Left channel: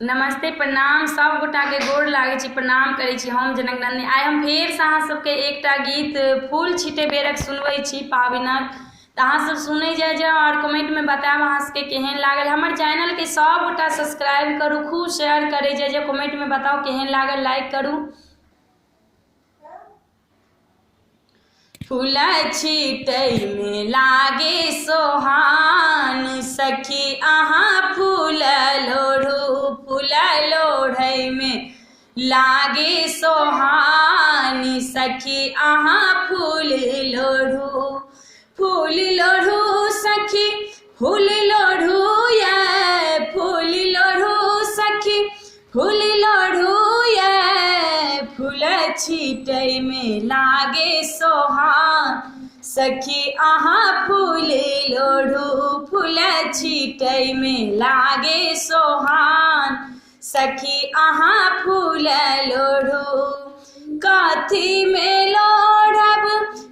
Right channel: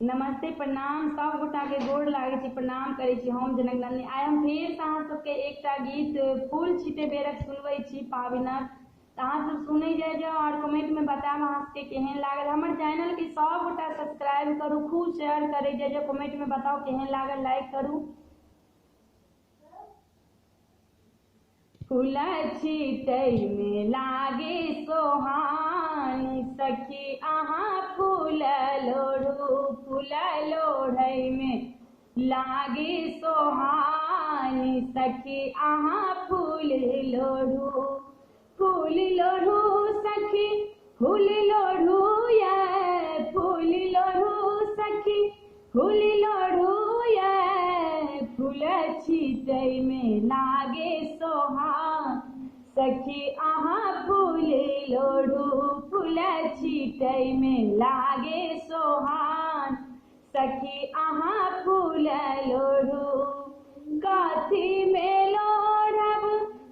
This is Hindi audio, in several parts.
नमस्ते प्रणाम सब गोटा के गोर लागे छी, प्रणाम करे छी। हम जनक नंदिनी आइ हम फेर से अहाँ सबके एकटा गीत फूल छीटे बेरक सुनबै छी पाबनिक। तो अहाँ सब सुनै जाओ और कमेंट में बताएब अहाँ सबके केहन लागल। हमर चैनल के सब गोटा सब्सक्राइब करू, खूब शेयर करे जाओ, कमेंट में बताओ केहन लागल, लाइक करू। फूल छीटै में लागे सोहान, सखी अहाँ फूल लोढ़ू। फूल लोढ़ै में लागे सोहान, सखी अहाँ फूल लोढ़ू। फूल लोढ़ू सखी फूल लोढ़ू ये, फूल लोढ़ू सखी फूल लोढ़ू ये। फूल छीटै में लागे सोहान, सखी अहाँ फूल लोढ़ू। फूल छीटै में लागे सोहान, सखी अहाँ फूल लोढ़ू। कथी में लोढ़ब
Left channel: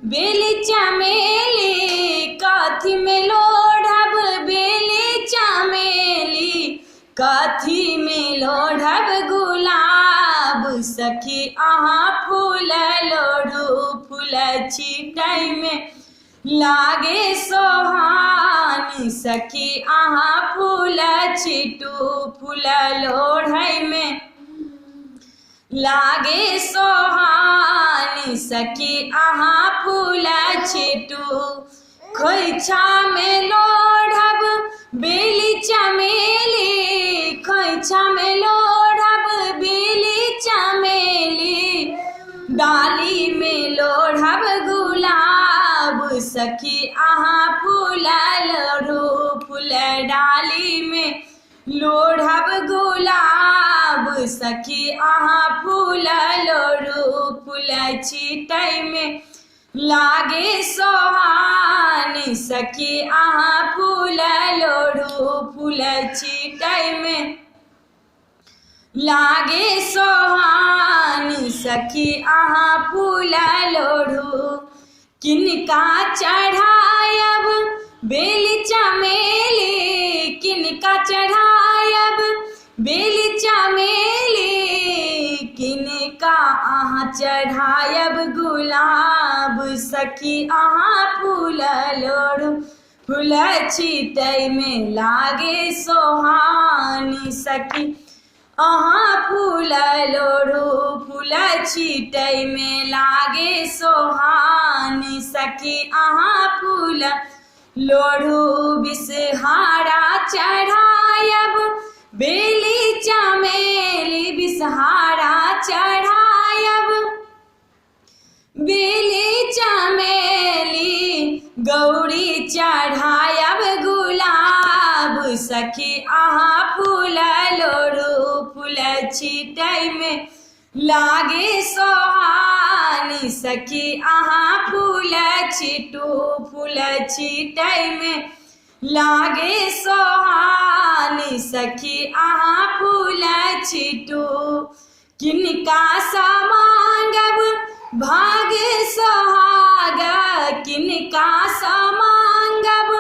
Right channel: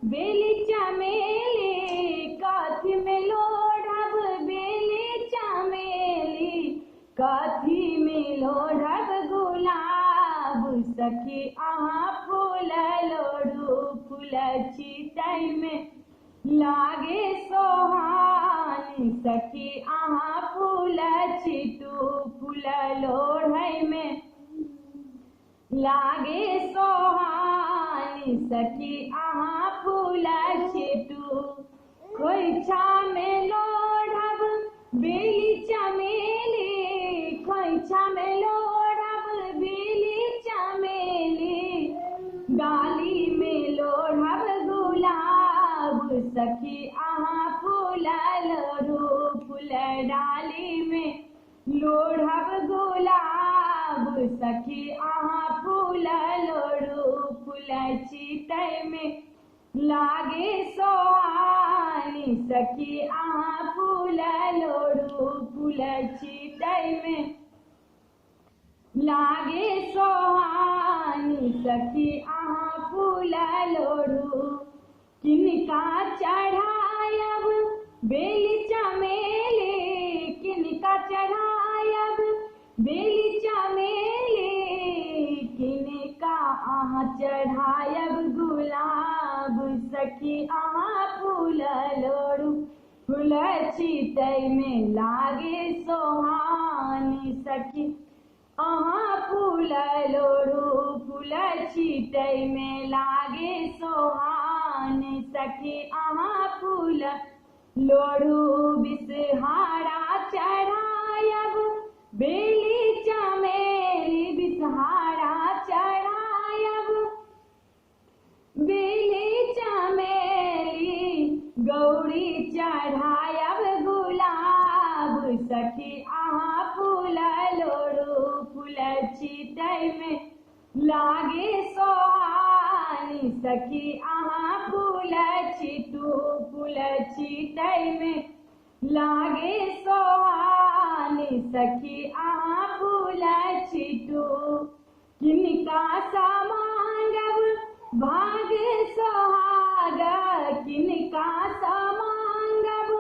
बेली चमेली, कथी में लोढ़ब बेली चमेली। कथी में लोढ़ब गुलाब, सखी अहाँ फूल लोढ़ू। फूल छीटै में लागे सोहान, सखी अहाँ फूल छीटू। फूल लोढ़ै में लागे सोहान, सखी अहाँ फूल छीटू। खोइछा में लोढ़ब बेली चमेली, खोइछा में लोढ़ब बेली चमेली। डाली में लोढ़ब गुलाब, सखी अहाँ फूल लोढ़ू। फूल डाली में लोढ़ब गुलाब, सखी अहाँ फूल लोढ़ू। फूल छीटै में लागे सोहान, सखी अहाँ फूल लोढ़ू। फूल छीटै में लागे सोहान, सखी अहाँ फूल लोढ़ू। किनका चढ़ायब बेली चमेली, किनका चढ़ायब बेली चमेली। किनका अहाँ चढ़ायब गुलाब, सखी अहाँ फूल लोढ़ू। फूल छीटै में लागे सोहान, सखी अहाँ फूल लोढ़ू। फूल छीटै में लागे सोहान, सखी अहाँ फूल लोढ़ू। बिसहारा चढ़ायब बेली चमेली, बिसहारा चढ़ायब बेली चमेली। गौरी चढ़ायब गुलाब, सखी अहाँ फूल लोढ़ू। फूल छीटै में लागे सोहान, सखी अहाँ फूल छीटू। फूल छीटै में लागे सोहान, सखी अहाँ फूल छीटू। किनका सा मांगब भाग सोहाग, किनका सा मांगब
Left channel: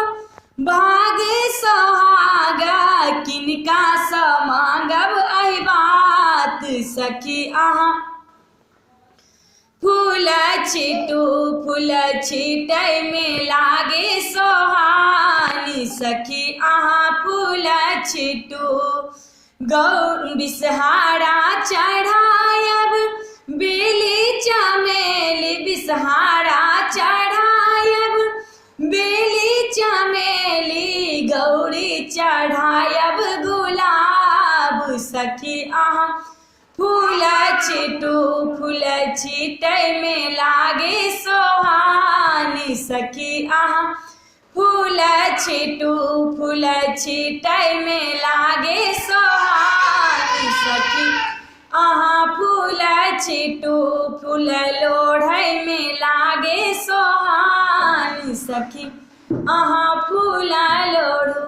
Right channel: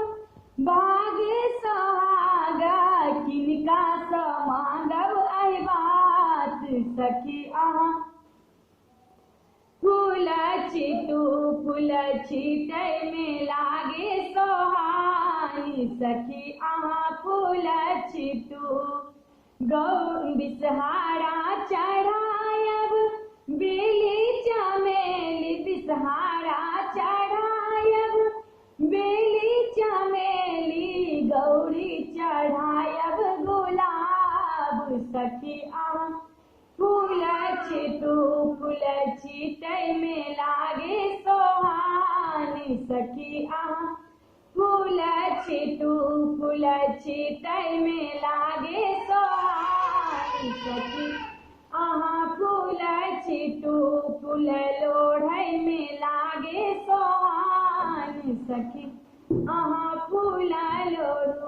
भाग सोहाग। किनका सा मांगब एहि बात, सखी अहाँ फूल छीटू। फूल छीटै में लागे सोहान, सखी अहाँ फूल छीटू। बिसहारा चढ़ायब बेली चमेली, बिसहारा चढ़ायब बेली चमेली। गौरी चढ़ायब गुलाब, सखी अहाँ फूल छीटू। फूल छीटै में लागे सोहान, सखी अहाँ फूल छीटू। फूल छीटै में लागे सोहान, सखी अहाँ फूल छीटू। फूल लोढ़ै में लागे सोहान, सखी अहाँ फूल लोढ़ू।